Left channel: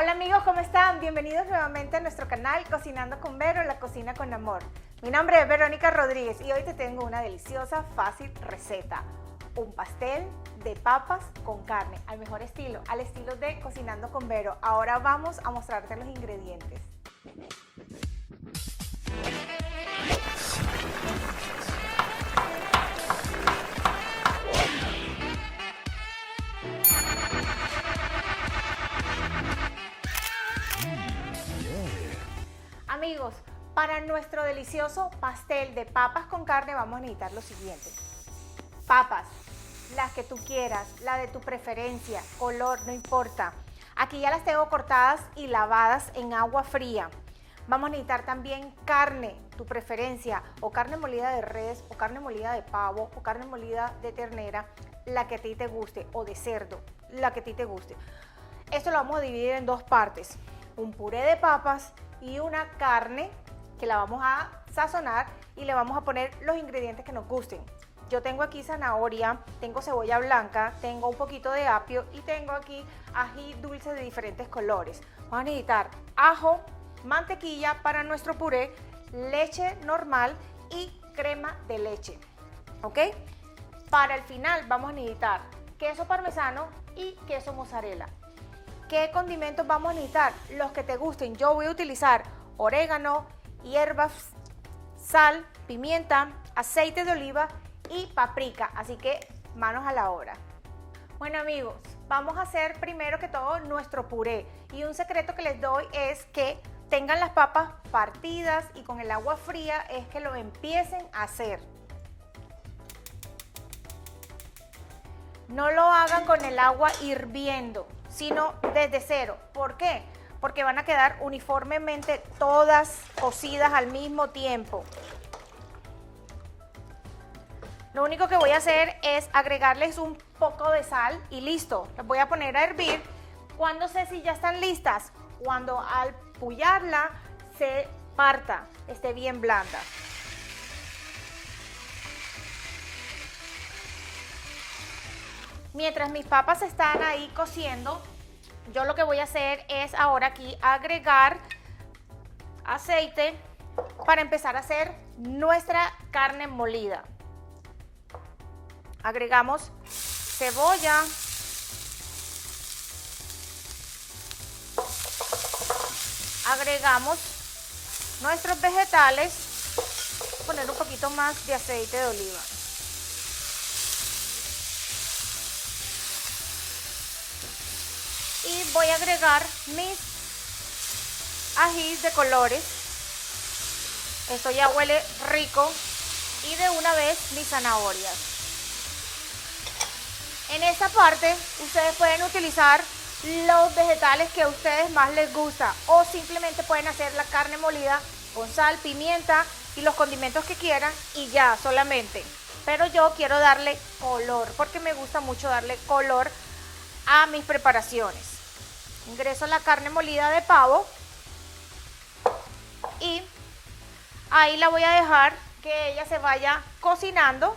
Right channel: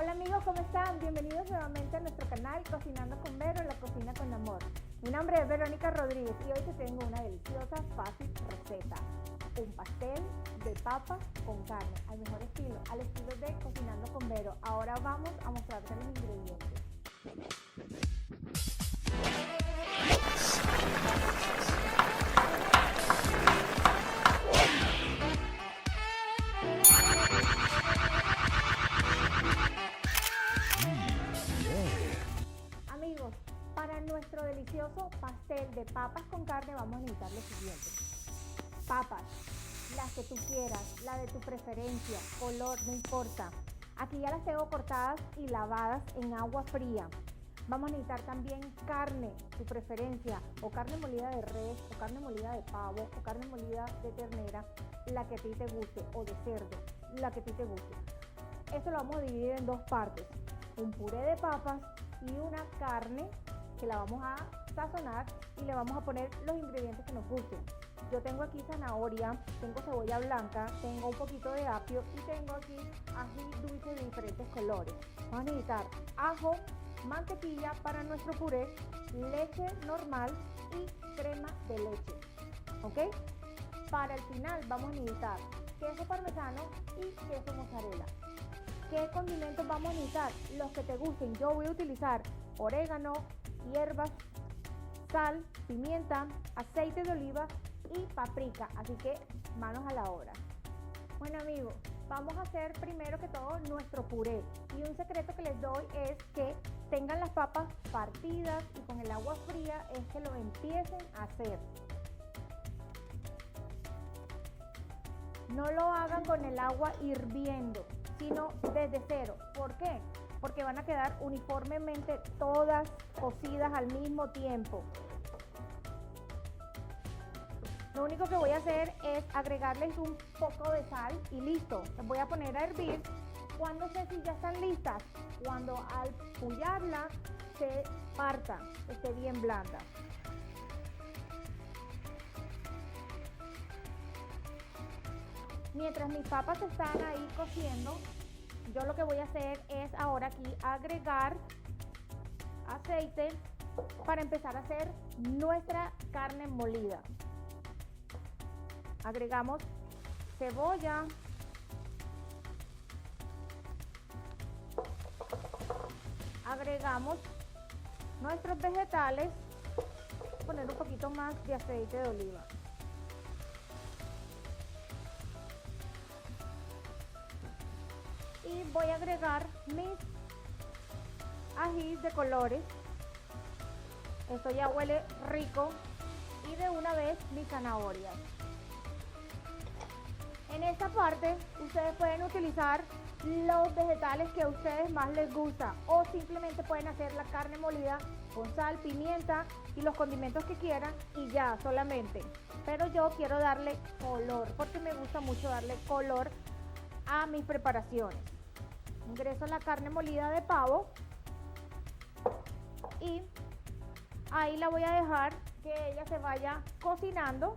Hola amigos, ¿cómo están? Bienvenidos nuevamente a nuestro canal Cocinando con Vero, la cocina con amor. Mi nombre es Verónica Rodríguez y hoy te tengo una deliciosa, fácil receta. Un pastel de papas con carne, al mejor estilo, al estilo de Cocinando con Vero. Ahora vamos a mostrarte los ingredientes. Amigos, para nuestro delicioso pastel de papas con carne vamos a necesitar lo siguiente. Papas, las que tú quieras, la de tu preferencia, color, no importa. Aquí ya las tengo cortadas y lavadas en agua fría. Vamos a necesitar también carne, tu preferencia, o carne molida de res, o carne molida de pavo, o carne molida de ternera, la que a ti te guste, o de cerdo, la que a ti te guste. Esto lo vamos a dividir en dos partes, un puré de papas y una carne que la vamos a sazonar y le vamos a poner los ingredientes que nos gusten. Yo tengo aquí zanahoria, tengo cebolla blanca, tengo un poquito de apio y tengo aquí ají dulce de diferentes colores. Vamos a necesitar ajo, mantequilla para nuestro puré, leche normal y crema de leche, ¿ok? Para el final vamos a necesitar queso parmesano y queso mozzarella. ¿Qué condimentos vamos a necesitar? Los que te gusten. Yo voy a utilizar orégano, hierbas, sal, pimienta, aceite de oliva y paprika. Así que manos a la obra. Bueno amigos, vamos a hacer primero que todo nuestro puré. Y un secreto que les doy es que tengan las papas partidas y con el agua fría es que lo empiecen a hacer. No lo hagan con el agua hirviendo, sino desde cero. ¿Por qué? Porque van a quedar uniformemente todas cocidas al mismo tiempo. Lo único que voy a hacer es agregarles un poco de sal y listo. Las voy a poner a hervir. ¿Cuándo sé si ya están listas? Cuando al pullarla se parta, esté bien blanda. Mientras mis papas están ahí cociendo, yo lo que voy a hacer es ahora aquí agregar aceite para empezar a hacer nuestra carne molida. Agregamos cebolla, agregamos nuestros vegetales, poner un poquito más de aceite de oliva. Y voy a agregar mis ajís de colores. Esto ya huele rico. Y de una vez mis zanahorias. En esta parte ustedes pueden utilizar los vegetales que a ustedes más les gusta. O simplemente pueden hacer la carne molida con sal, pimienta y los condimentos que quieran. Y ya, solamente. Pero yo quiero darle color, porque me gusta mucho darle color a mis preparaciones. Ingreso la carne molida de pavo y ahí la voy a dejar que ella se vaya cocinando.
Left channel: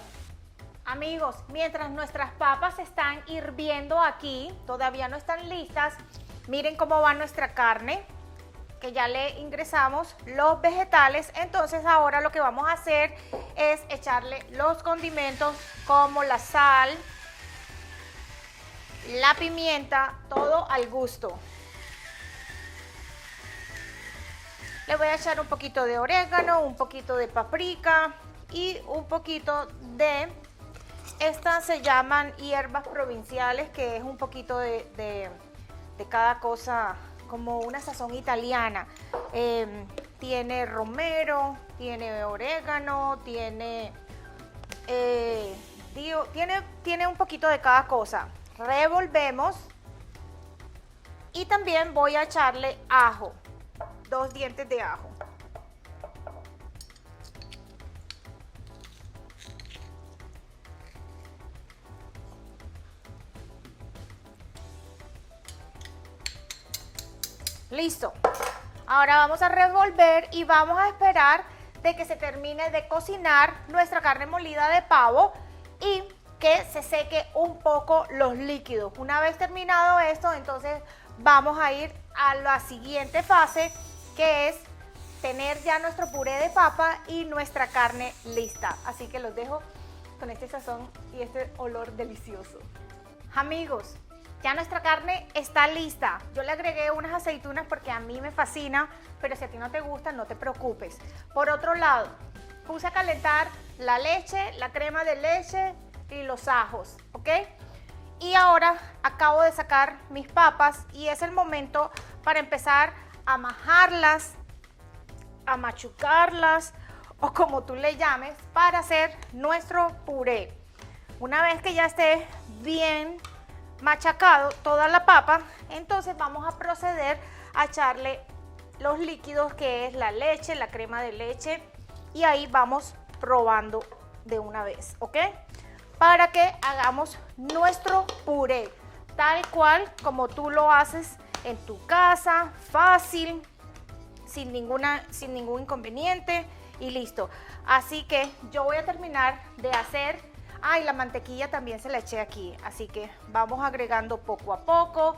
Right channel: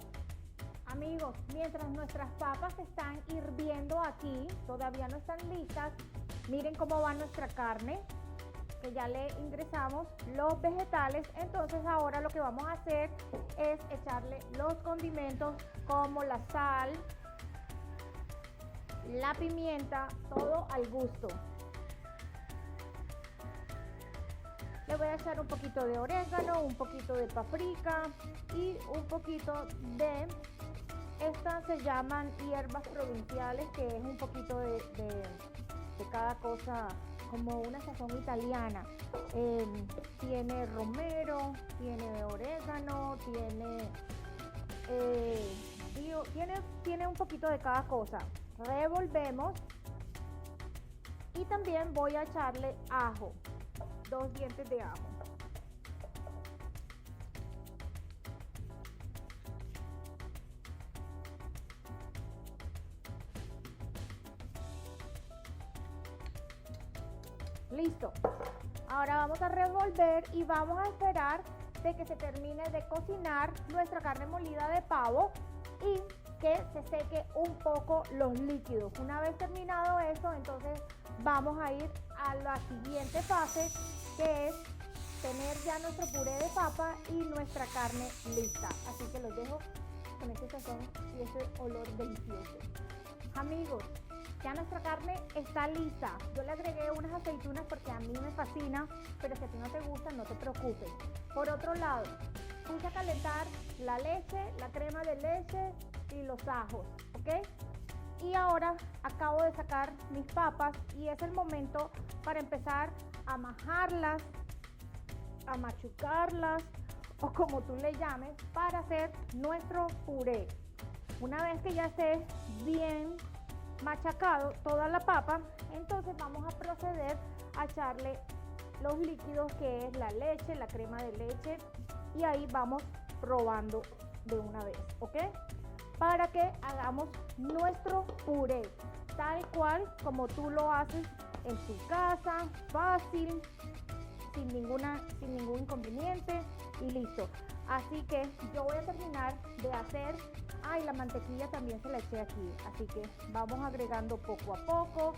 Amigos, mientras nuestras papas están hirviendo aquí, todavía no están listas, miren cómo va nuestra carne, que ya le ingresamos los vegetales. Entonces ahora lo que vamos a hacer es echarle los condimentos como la sal, la pimienta, todo al gusto. Le voy a echar un poquito de orégano, un poquito de paprika y un poquito de, estas se llaman hierbas provinciales, que es un poquito de cada cosa, como una sazón italiana. Tiene romero, tiene orégano, tiene un poquito de cada cosa. Revolvemos y también voy a echarle ajo, 2 dientes de ajo. Listo. Ahora vamos a revolver y vamos a esperar de que se termine de cocinar nuestra carne molida de pavo y que se seque un poco los líquidos. Una vez terminado esto, entonces vamos a ir a la siguiente fase, que es tener ya nuestro puré de papa y nuestra carne lista. Así que los dejo con este sazón y este olor delicioso. Amigos, ya nuestra carne está lista. Yo le agregué unas aceitunas porque a mí me fascina, pero si a ti no te gusta, no te preocupes. Por otro lado, puse a calentar la leche, la crema de leche y los ajos, ¿ok? Y ahora acabo de sacar mis papas y es el momento para empezar a majarlas, a machucarlas o como tú le llames, para hacer nuestro puré. Una vez que ya esté bien machacado toda la papa, entonces vamos a proceder a echarle los líquidos, que es la leche, la crema de leche, y ahí vamos probando de una vez, ¿ok? Para que hagamos nuestro puré, tal cual como tú lo haces en tu casa, fácil, sin ningún inconveniente y listo. Así que yo voy a terminar de hacer, y la mantequilla también se la eché aquí, así que vamos agregando poco a poco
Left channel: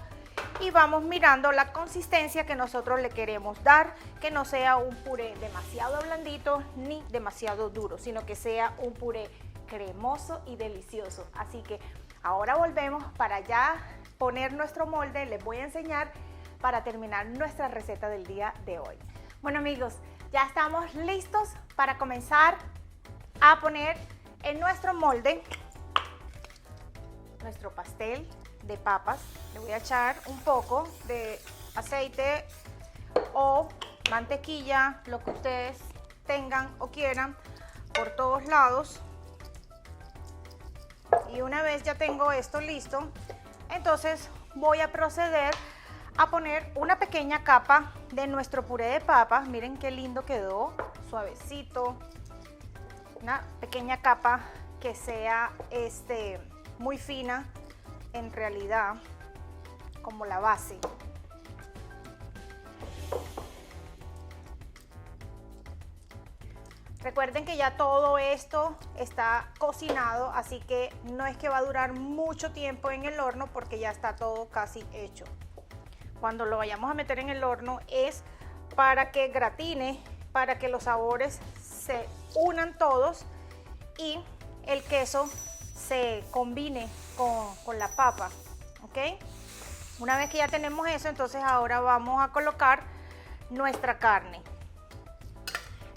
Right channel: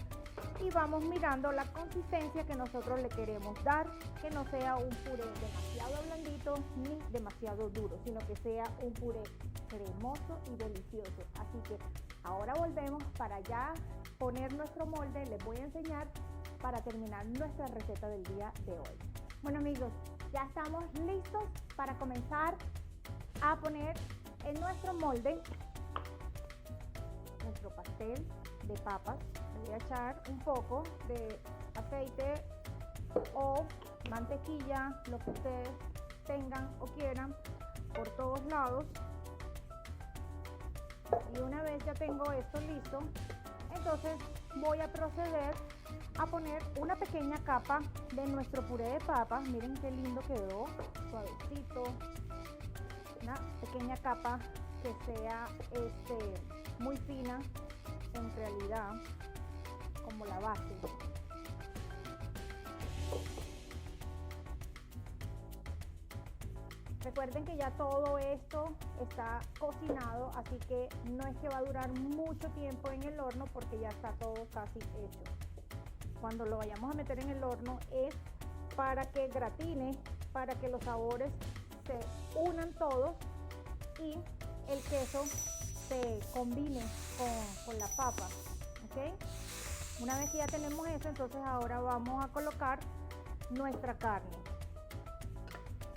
y vamos mirando la consistencia que nosotros le queremos dar, que no sea un puré demasiado blandito ni demasiado duro, sino que sea un puré cremoso y delicioso. Así que ahora volvemos para ya poner nuestro molde. Les voy a enseñar para terminar nuestra receta del día de hoy. Bueno amigos, ya estamos listos para comenzar a poner en nuestro molde nuestro pastel de papas. Le voy a echar un poco de aceite o mantequilla, lo que ustedes tengan o quieran, por todos lados. Y una vez ya tengo esto listo, entonces voy a proceder a poner una pequeña capa de nuestro puré de papas. Miren qué lindo quedó, suavecito. Una pequeña capa que sea muy fina, en realidad, como la base. Recuerden que ya todo esto está cocinado, así que no es que va a durar mucho tiempo en el horno porque ya está todo casi hecho. Cuando lo vayamos a meter en el horno es para que gratine, para que los sabores se unan todos y el queso se combine con la papa, ¿ok? Una vez que ya tenemos eso, entonces ahora vamos a colocar nuestra carne,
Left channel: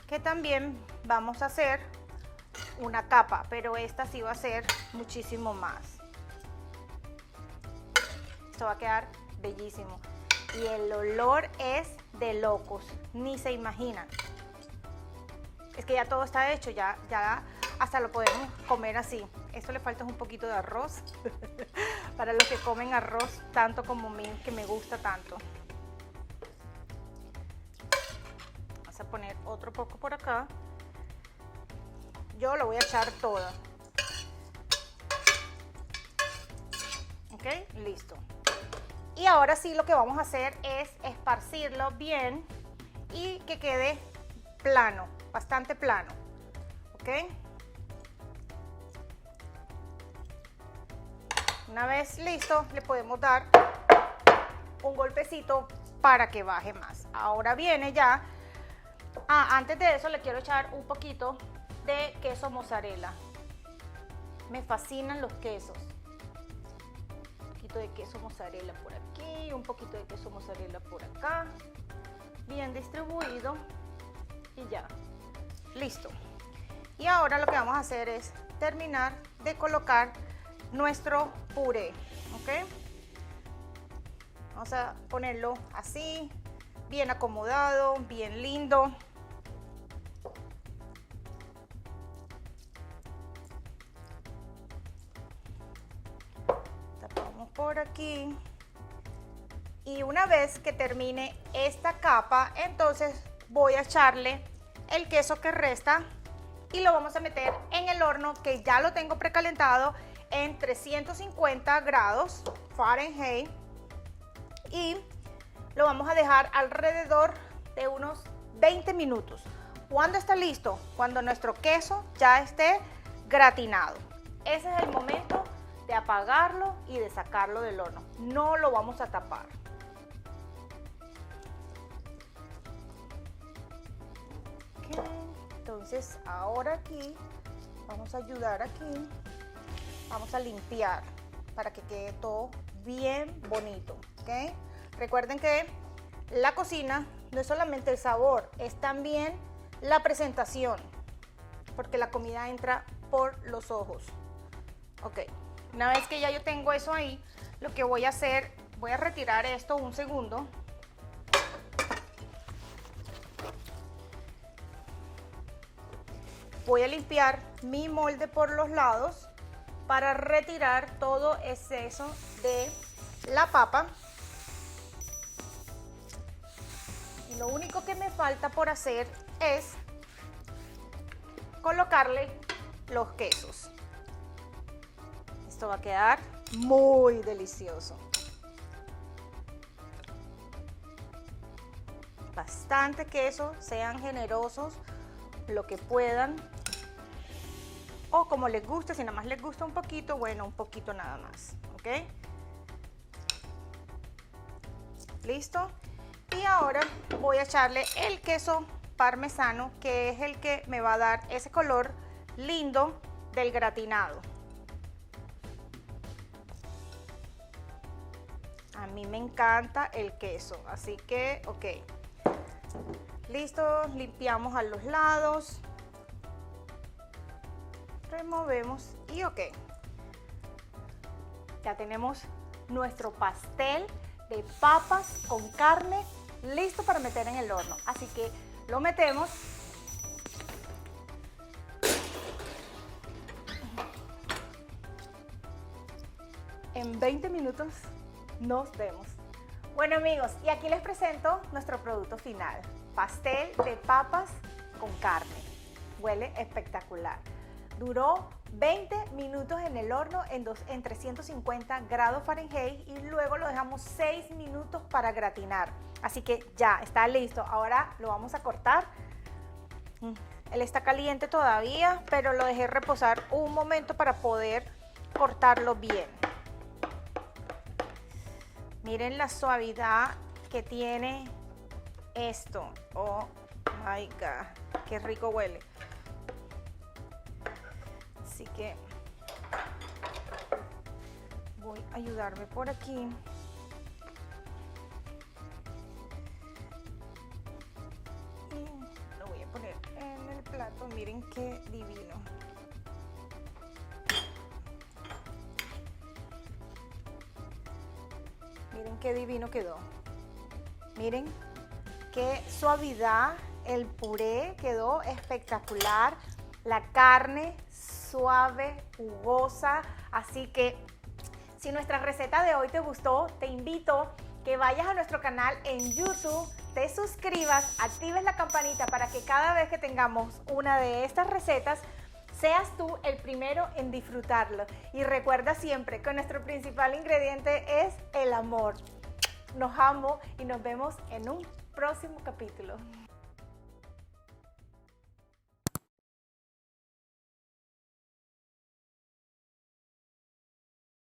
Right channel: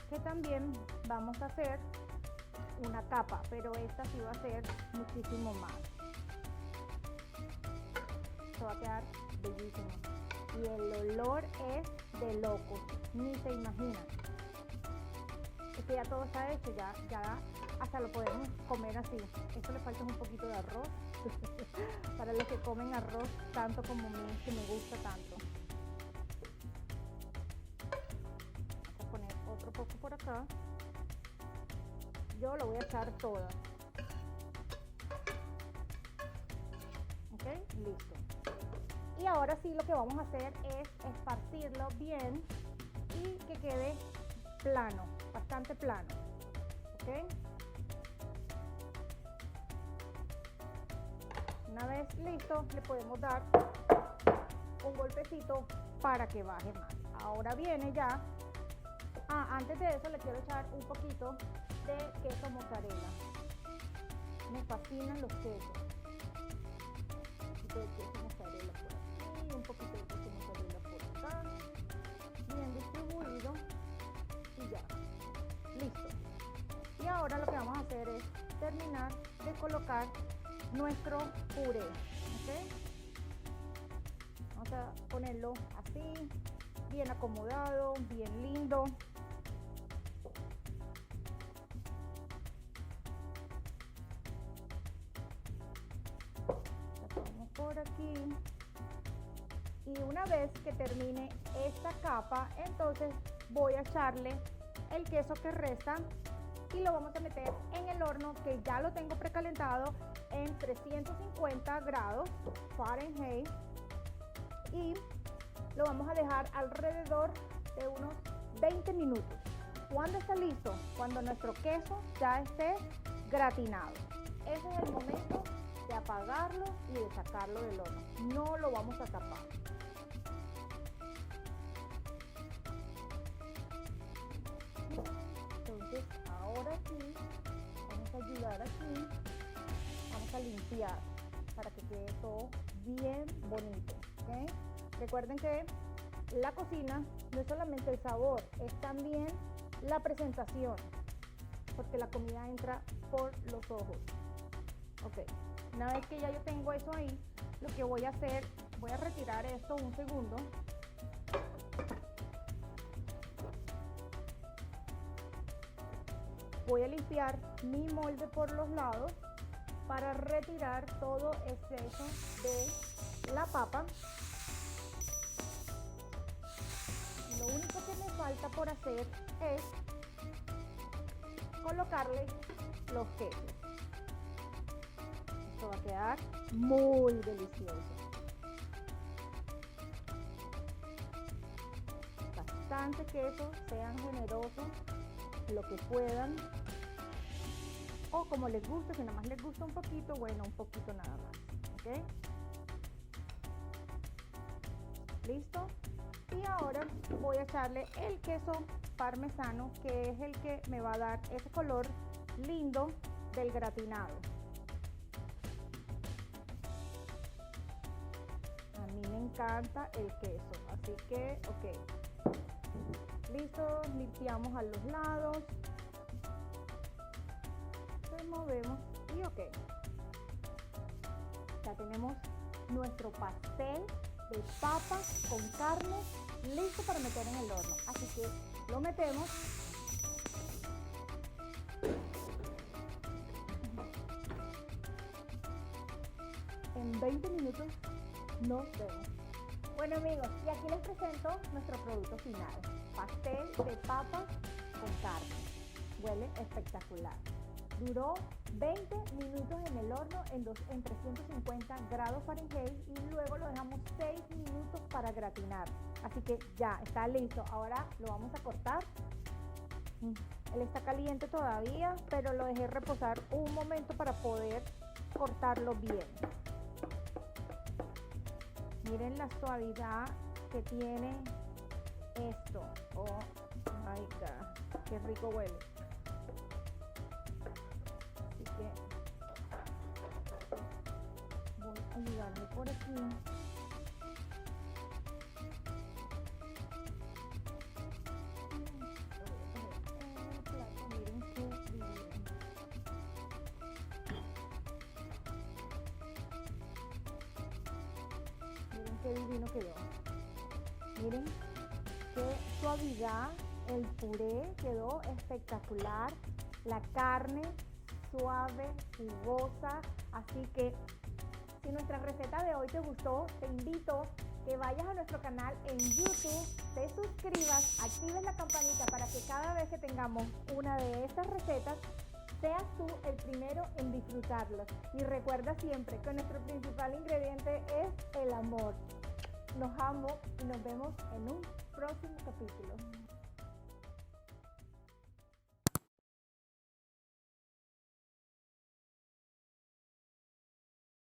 que también vamos a hacer una capa, pero esta sí va a ser muchísimo más. Esto va a quedar bellísimo y el olor es de locos, ni se imaginan. Es que ya todo está hecho, ya hasta lo podemos comer así. Eso le falta un poquito de arroz para los que comen arroz tanto como a mí, que me gusta tanto. Vamos a poner otro poco por acá. Yo lo voy a echar toda. Ok, listo. Y ahora sí lo que vamos a hacer es esparcirlo bien y que quede plano, bastante plano. Ok. Una vez listo, le podemos dar un golpecito para que baje más. Ahora viene ya. Antes de eso le quiero echar un poquito de queso mozzarella. Me fascinan los quesos. Un poquito de queso mozzarella por aquí, un poquito de queso mozzarella por acá. Bien distribuido y ya. Listo. Y ahora lo que vamos a hacer es terminar de colocar nuestro puré, ¿ok? Vamos a ponerlo así, bien acomodado, bien lindo. Tapamos por aquí. Y una vez que termine esta capa, entonces voy a echarle el queso que resta y lo vamos a meter en el horno, que ya lo tengo precalentado en 350 grados Fahrenheit, y lo vamos a dejar alrededor de unos 20 minutos. ¿Cuándo está listo? Cuando nuestro queso ya esté gratinado. Ese es el momento de apagarlo y de sacarlo del horno. No lo vamos a tapar. Entonces ahora aquí vamos a ayudar aquí, vamos a limpiar para que quede todo bien bonito, ¿ok? Recuerden que la cocina no es solamente el sabor, es también la presentación, porque la comida entra por los ojos. Ok, una vez que ya yo tengo eso ahí, lo que voy a hacer, voy a retirar esto un segundo. Voy a limpiar mi molde por los lados para retirar todo exceso de la papa. Y lo único que me falta por hacer es colocarle los quesos. Esto va a quedar muy delicioso. Bastante queso, sean generosos lo que puedan o como les guste. Si nada más les gusta un poquito, bueno, un poquito nada más, ¿ok? Listo. Y ahora voy a echarle el queso parmesano, que es el que me va a dar ese color lindo del gratinado. A mí me encanta el queso, así que, ok. Listo, limpiamos a los lados, removemos y ok. Ya tenemos nuestro pastel de papas con carne listo para meter en el horno. Así que lo metemos. En 20 minutos nos vemos. Bueno amigos, y aquí les presento nuestro producto final. Pastel de papas con carne. Huele espectacular. Duró 20 minutos en el horno en 350 grados Fahrenheit y luego lo dejamos 6 minutos para gratinar. Así que ya está listo. Ahora lo vamos a cortar. Él está caliente todavía, pero lo dejé reposar un momento para poder cortarlo bien. Miren la suavidad que tiene esto. Oh my God, qué rico huele. Así que voy a ayudarme por aquí. Y lo voy a poner en el plato. Miren qué divino. Miren qué divino quedó. Miren qué suavidad. El puré quedó espectacular. La carne suave, jugosa. Así que si nuestra receta de hoy te gustó, te invito que vayas a nuestro canal en YouTube, te suscribas, actives la campanita para que cada vez que tengamos una de estas recetas, seas tú el primero en disfrutarlo. Y recuerda siempre que nuestro principal ingrediente es el amor. Nos amo y nos vemos en un próximo capítulo.